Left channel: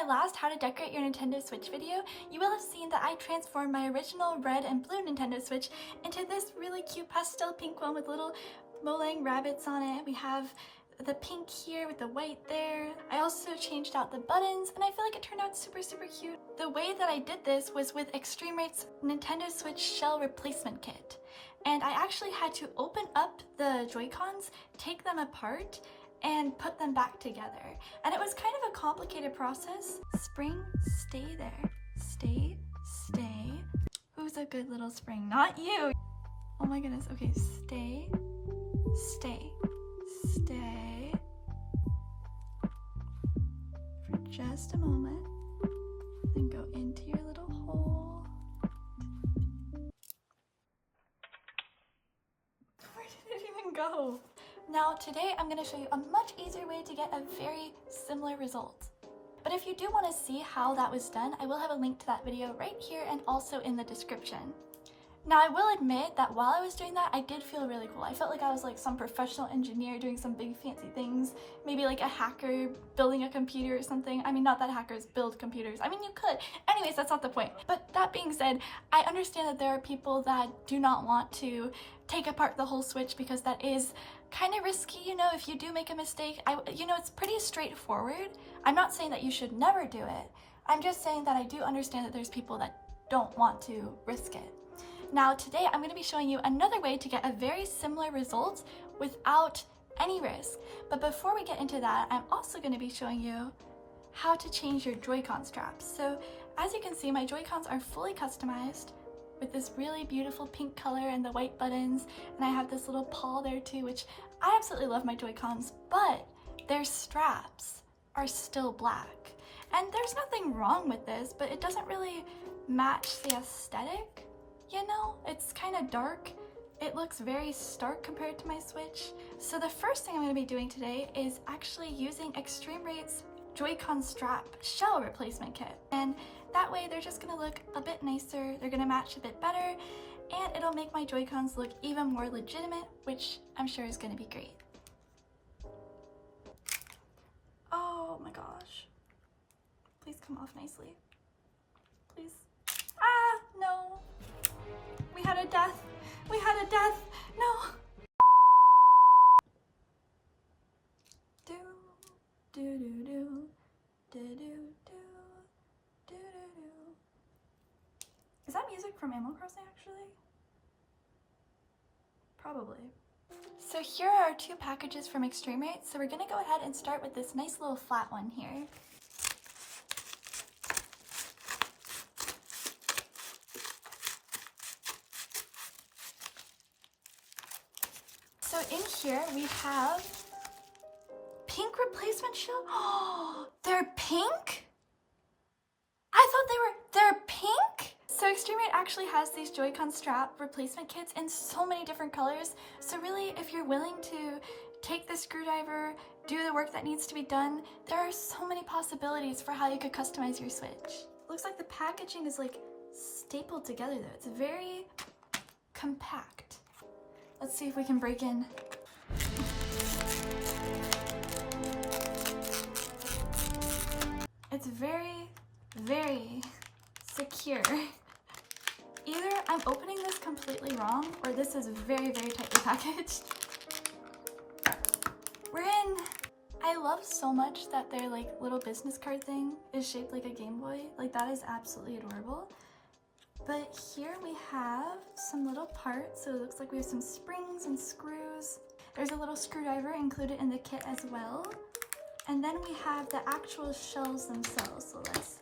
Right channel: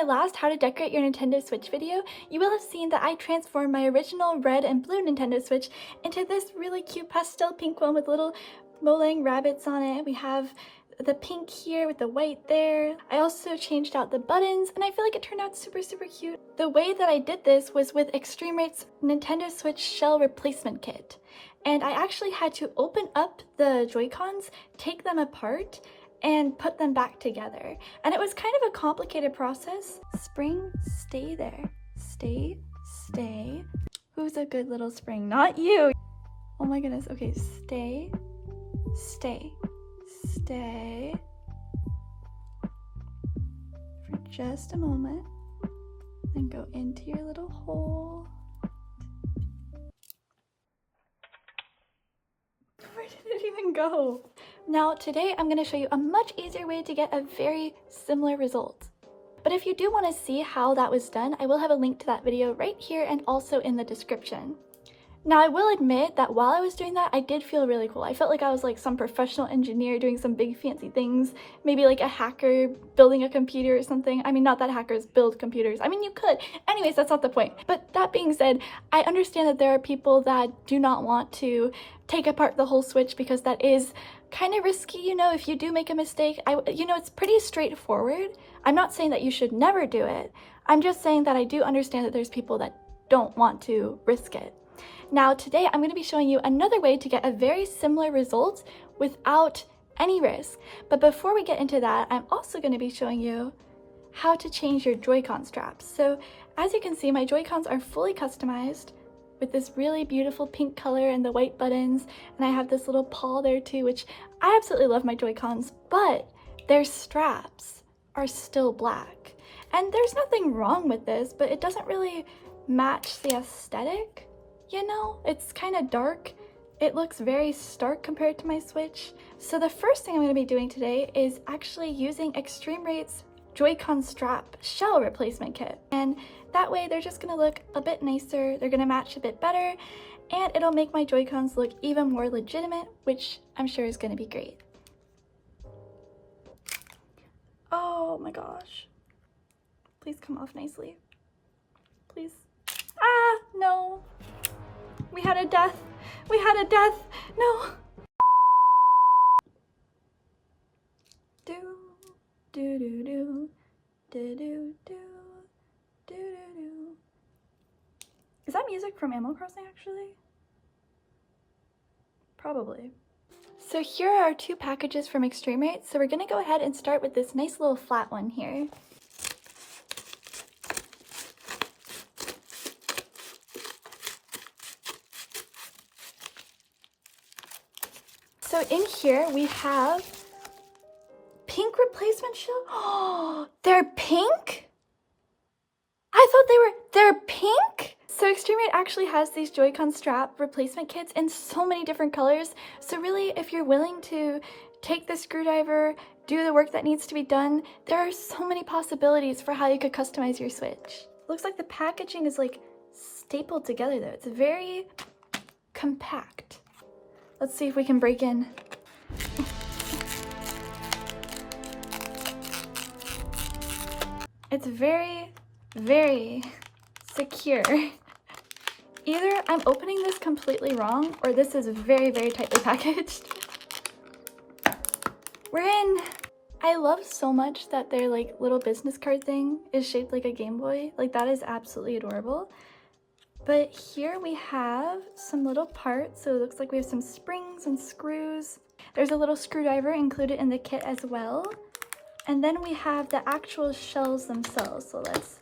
my last How to Decorate Your Nintendo Switch video, you will have seen that I transformed my original red and blue Nintendo Switch into this really cute pastel pink one with little Molang rabbits on it. We have the pink here with the white there. I also changed out the buttons and I feel like it turned out super cute. The way that I did this was with Extreme Rate's Nintendo Switch shell replacement kit. And I actually had to open up the Joy-Cons, take them apart, and put them back together. And it was kind of a complicated process. Spring, stay there. Stay, stay. Who's a good little spring? Not you! Oh my goodness. Okay, stay, stay, stay. For just a moment. Then go into your little hole. Where did it even go? Now today I'm going to show you a much easier way to get a very similar result. But if you do want to see how that was done, I will have a link to that video right here and also in the description. Now I will admit that while I was doing that, I did feel really cool. I felt like I was like some professional engineer doing some big fancy things, maybe like a hacker building a computer or something. I mean, not that hackers build computers. I mean, you could. Anyways, that's not the point. But that being said, I understand that there are people that do not want to take apart the whole Switch because that is kind of risky, you know. If you do make a mistake, it's pretty straightforward. I'm not saying that you should never do it. I'm just saying that I do understand that there's people that don't want to risk it. Now today I'm going to be showing you another way to get a very similar result without any risk. But before we get into that, I'm also going to be showing you how to change your Joy-Con straps. So as you can see, my Joy-Cons are fully customized with this really beautiful pink color and the white buttons, and I have this little paw there too, which I absolutely love my Joy-Cons, but their straps are still black. And there's nothing wrong with this, but it doesn't really match the aesthetic, you know? It's kind of dark. It looks very stark compared to my Switch. So the first thing I'm going to be doing today is actually using Extreme Rate's Joy-Con strap shell replacement kit. And that way they're just going to look a bit nicer, they're going to match a bit better, and it'll make my Joy-Cons look even more legitimate, which I'm sure is going to be great. Oh my gosh. Please come off nicely. Please. Ah, no. We had a death. We had a death. No. Do, do, do, do, do, do, do. Is that music from Animal Crossing actually? Probably. So here are our two packages from Extreme Rate. So we're gonna go ahead and start with this nice little flat one here. So in here we have pink replacement shell. Oh, they're pink? I thought they're pink? So Extreme Rate actually has these Joy-Con strap replacement kits in so many different colors. So really, if you're willing to take the screwdriver, do the work that needs to be done, there are so many possibilities for how you could customize your Switch. Looks like the packaging is like stapled together though. It's very compact. Let's see if we can break in. It's very secure. Either I'm opening this completely wrong or this is very tightly packaged. We're in. I love so much that their like little business card thing is shaped like a Game Boy. Like that is absolutely adorable. But here we have some little parts. So it looks like we have some springs and screws. There's a little screwdriver included in the kit as well. And then we have the actual shells themselves. So let's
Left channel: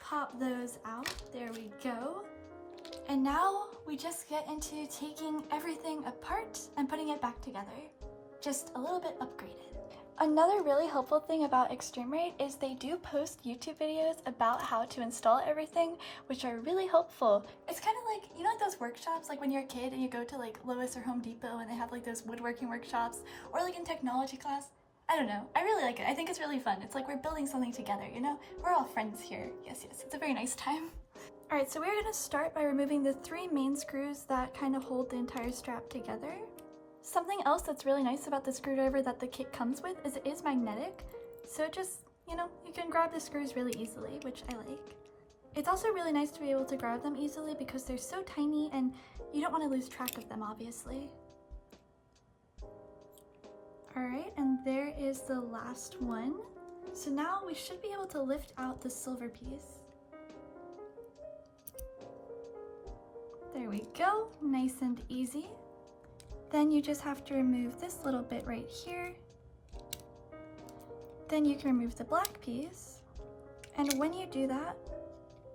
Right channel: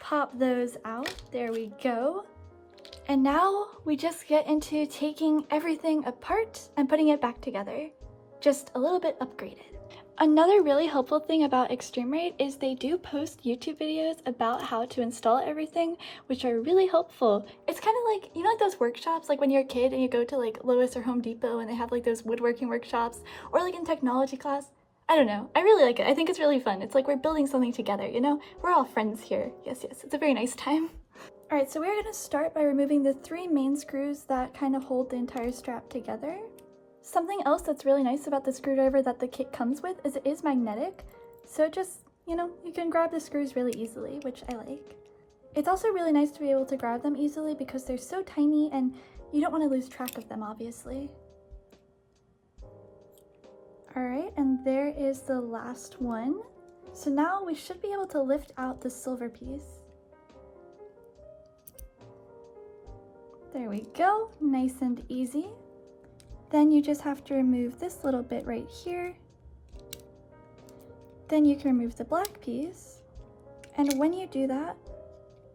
pop those out. There we go. And now we just get into taking everything apart and putting it back together. Just a little bit upgraded. Another really helpful thing about Extreme Rate is they do post YouTube videos about how to install everything, which are really helpful. It's kind of like, you know, like those workshops, like when you're a kid and you go to like Lowe's or Home Depot and they have like those woodworking workshops, or like in technology class. I don't know. I really like it. I think it's really fun. It's like we're building something together, you know? We're all friends here. Yes. It's a very nice time. All right, so we're gonna start by removing the 3 main screws that kind of hold the entire strap together. Something else that's really nice about the screwdriver that the kit comes with is it is magnetic. So it just, you know, you can grab the screws really easily, which I like. It's also really nice to be able to grab them easily because they're so tiny and you don't want to lose track of them, obviously. Alright, and there is the last one. So now we should be able to lift out the silver piece. There we go, nice and easy. Then you just have to remove this little bit right here. Then you can remove the black piece. And when you do that,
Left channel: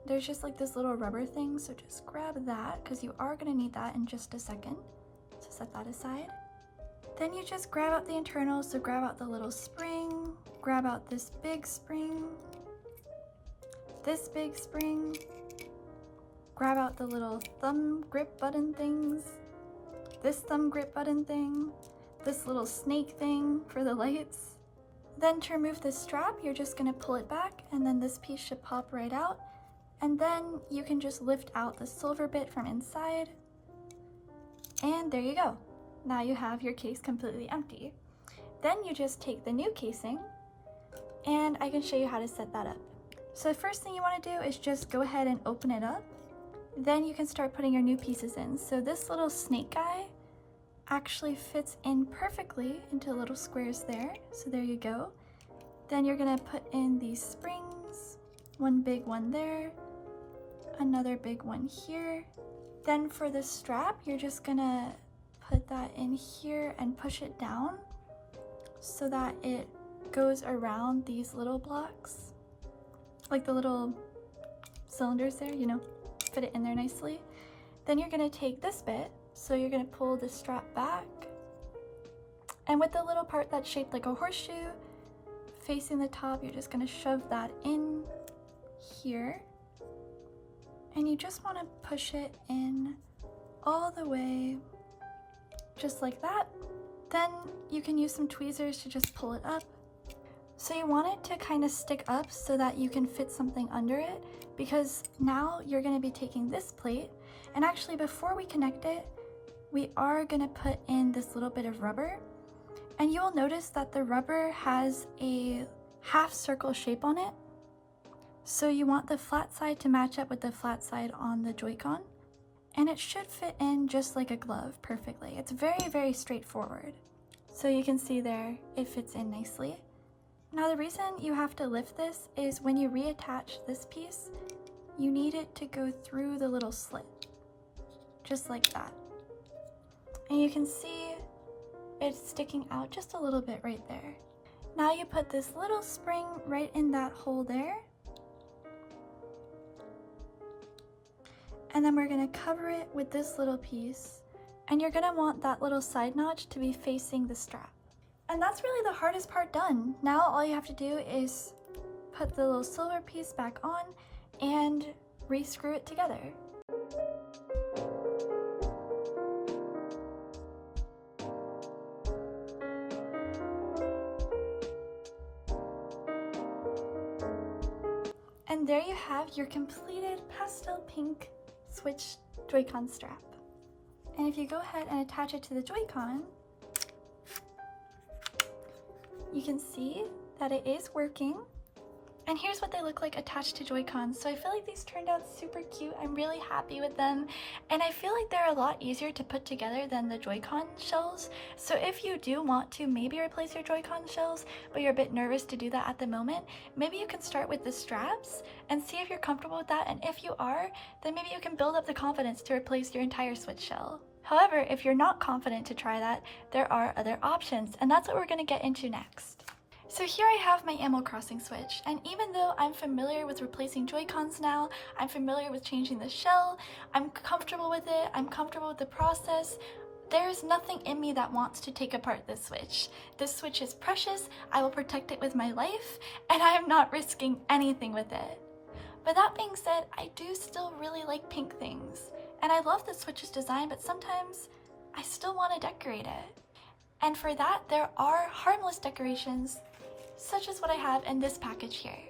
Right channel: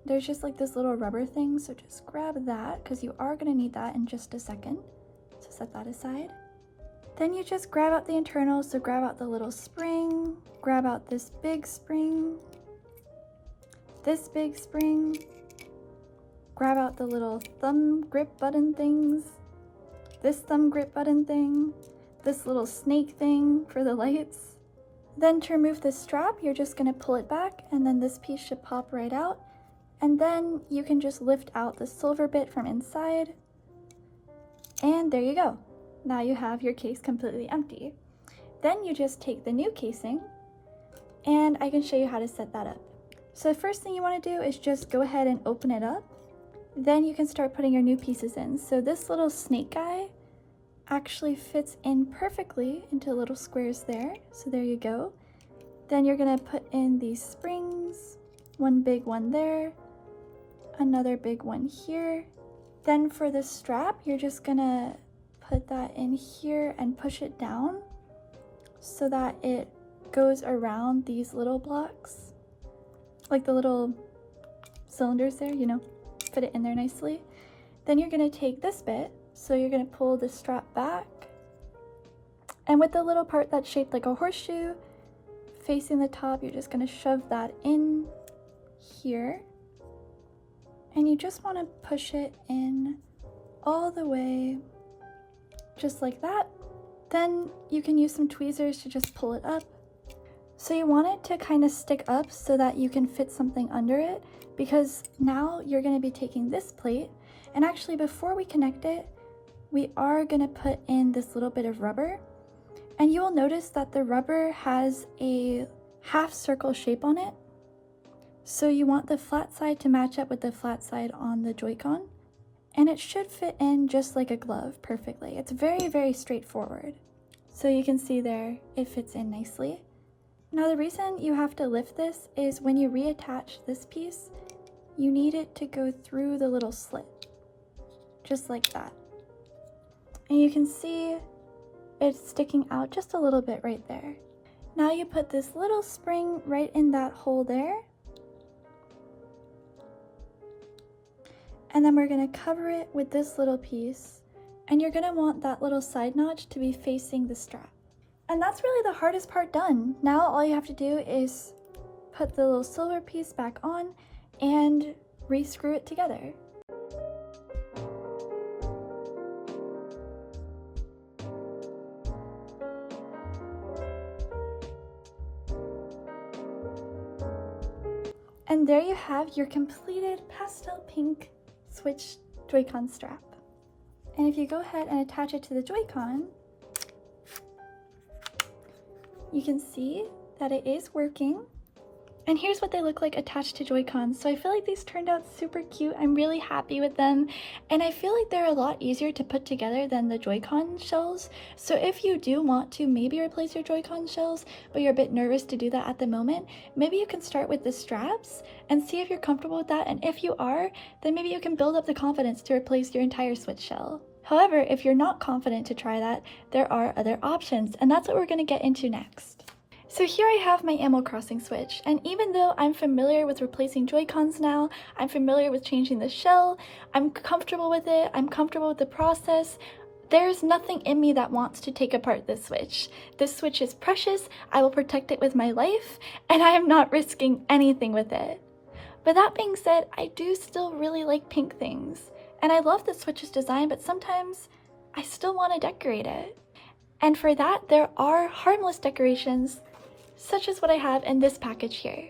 there's just like this little rubber thing, so just grab that because you are going to need that in just a second. So set that aside. Then you just grab out the internals, so grab out the little spring, grab out this big spring, this big spring, grab out the little thumb grip button things, this thumb grip button thing, this little snake thing for the lights. Then to remove this strap, you're just going to pull it back and then this piece should pop right out. And then you can just lift out the silver bit from inside. And there you go. Now you have your case completely empty. Then you just take the new casing and I can show you how to set that up. So the first thing you want to do is just go ahead and open it up. Then you can start putting your new pieces in. So this little snake guy actually fits in perfectly into little squares there. So there you go. Then you're going to put in these springs, one big one there, another big one here. Then for the strap, you're just going to put that in here and push it down so that it goes around these little blocks, like the little cylinders there, you know, fit it in there nicely. Then you're going to take this bit, so you're going to pull the strap back, and with the little part that's shaped like a horseshoe facing the top, you're just going to shove that in here, and you just want to push it in all the way just like that. Then you can use some tweezers to just pull it up. So you want it to kind of stick up so that you can fit something under it, because now you're going to be taking this plate, and actually before we connect it, we are going to put in this little bit of rubber, and you will notice that the rubber has a half circle shape on it. So you want the flat side to match up with the flat side on the JoyCon. And it should fit in just like a glove perfectly. It's very, very straightforward. So you can see there, it fits in nicely. Now the reason you have to lift this is when you reattach this piece, you need it to go through the little slit, just like that. And you can see it's sticking out just a little bit right there. Now you put this little spring right in that hole there. And then we're going to cover it with this little piece, and you're going to want that little side notch to be facing the strap. And that's really the hardest part done. Now all you have to do is put the little silver piece back on and re-screw it together. And there you have your completed pastel pink Switch JoyCon strap. And if you go ahead and attach it to the JoyCon, you can see that it is working. And here's what they look like attached to JoyCon. So I feel like these turned out super cute. I'm really happy with them. And I feel like they're a lot easier to put together than the JoyCon shells. So if you do want to maybe replace your JoyCon shells, but you're a bit nervous to do that at the moment, maybe you can start with the straps and see if you're comfortable with that. And if you are, then maybe you can build up the confidence to replace your entire Switch shell. However, if you're not confident to try that, there are other options, and that's what we're going to get into next. So here I have my Animal Crossing Switch, and even though I'm familiar with replacing JoyCons now, I'm familiar with changing the shell, I'm comfortable with it, I'm comfortable with the process, there's nothing in me that wants to take apart this Switch. This Switch is precious, I will protect it with my life, and I am not risking anything with it. But that being said, I do still really like pink things, and I love the Switch's design, but sometimes I still want to decorate it. And for that, there are harmless decorations, such as what I have in this package here.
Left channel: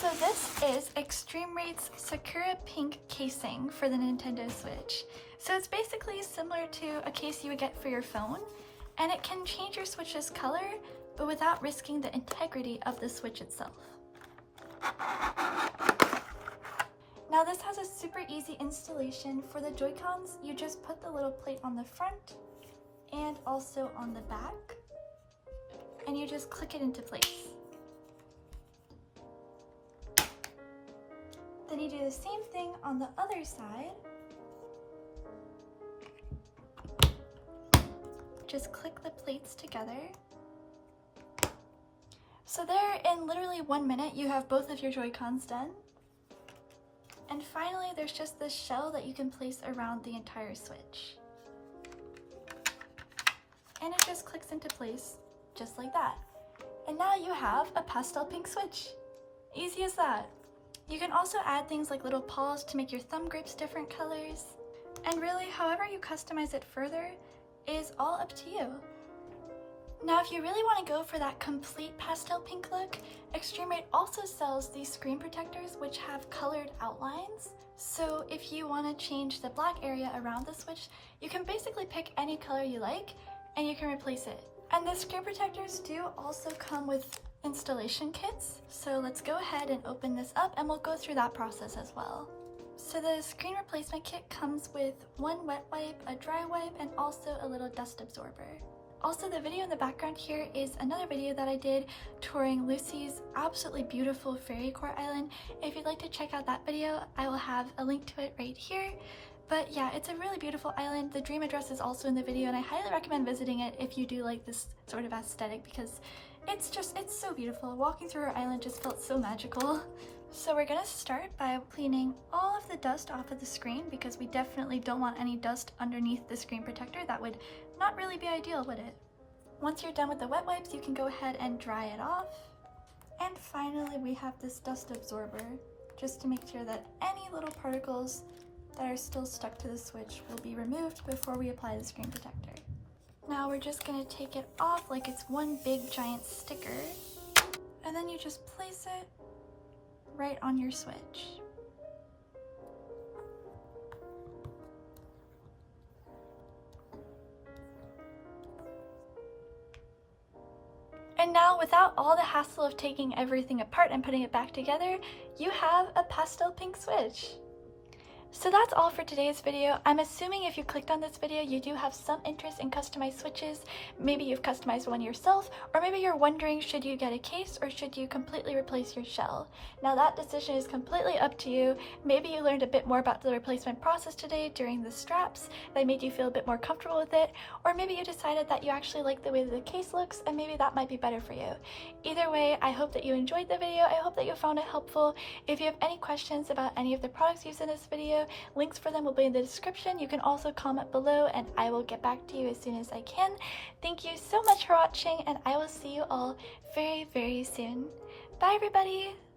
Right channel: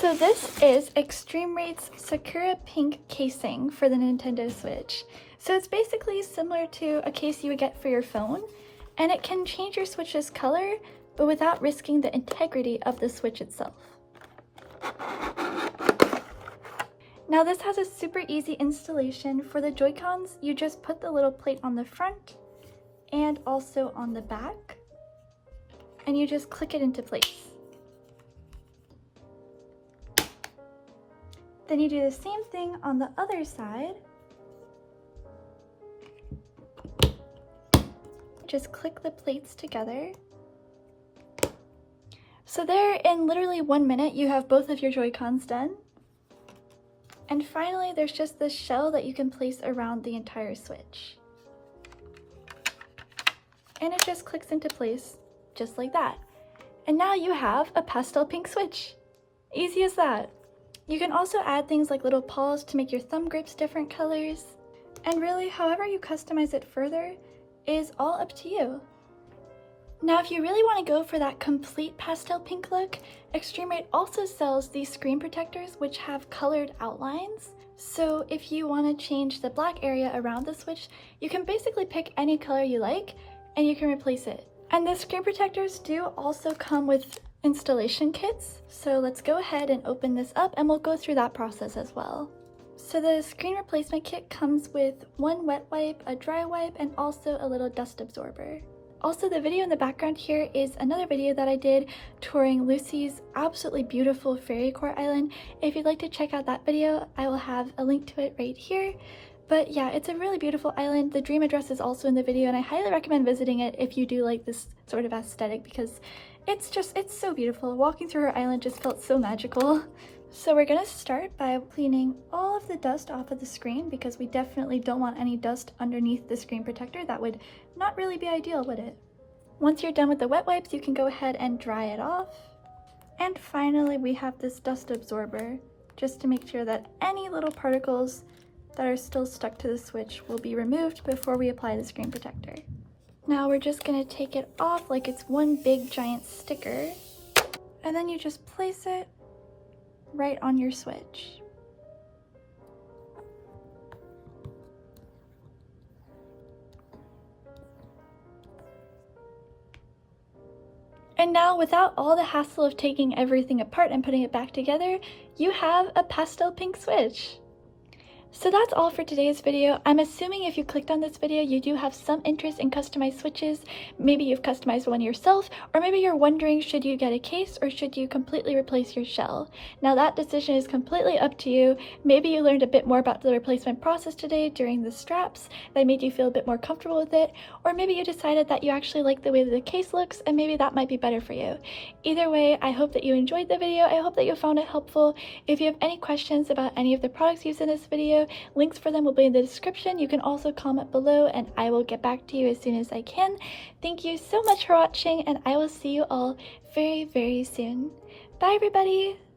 So this is Extreme Rate's Sakura Pink casing for the Nintendo Switch. So it's basically similar to a case you would get for your phone, and it can change your Switch's color, but without risking the integrity of the Switch itself. Now this has a super easy installation. For the Joy-Cons, you just put the little plate on the front and also on the back, and you just click it into place. Then you do the same thing on the other side. Just click the plates together. So there, in literally 1 minute, you have both of your Joy-Cons done. And finally, there's just this shell that you can place around the entire Switch. And it just clicks into place, just like that. And now you have a pastel pink Switch. Easy as that. You can also add things like little paws to make your thumb grips different colors. And really, however you customize it further is all up to you. Now, if you really want to go for that complete pastel pink look, Extreme Rate also sells these screen protectors which have colored outlines. So if you want to change the black area around the Switch, you can basically pick any color you like and you can replace it. And the screen protectors do also come with installation kits. So let's go ahead and open this up and we'll go through that process as well. So the screen replacement kit comes with one wet wipe, a dry wipe, and also a little dust absorber. Also, the video in the background here is another video that I did touring Lucy's absolutely beautiful fairy court island. If you'd like to check out that video, I will have a link to it right here. But yeah, it's a really beautiful island. The dream address is also in the video, and I highly recommend visiting it if you do like this sort of aesthetic, because it's so beautiful. Walking through her island just felt so magical. So we're gonna start by cleaning all of the dust off of the screen, because we definitely don't want any dust underneath the screen protector. That would not really be ideal, would it? Once you're done with the wet wipes, you can go ahead and dry it off. And finally, we have this dust absorber, just to make sure that any little particles that are still stuck to the Switch will be removed before we apply the screen protector. Now we're just gonna take it off like it's one big giant sticker, and then you just place it right on your Switch. And now, without all the hassle of taking everything apart and putting it back together, you have a pastel pink Switch. So that's all for today's video. I'm assuming if you clicked on this video, you do have some interest in customized Switches. Maybe you've customized one yourself, or maybe you're wondering, should you get a case or should you completely replace your shell? Now that decision is completely up to you. Maybe you learned a bit more about the replacement process today during the straps that made you feel a bit more comfortable with it, or maybe you decided that you actually like the way that the case looks and maybe that might be better for you. Either way, I hope that you enjoyed the video. I hope that you found it helpful. If you have any questions about any of the products used in this video, links for them will be in the description. You can also comment below and I will get back to you as soon as I can. Thank you so much for watching, and I will see you all very, very soon. Bye everybody!